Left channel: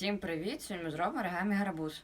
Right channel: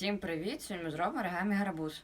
Всім привіт! Сьогодні ми зробимо оригамі гарбуз.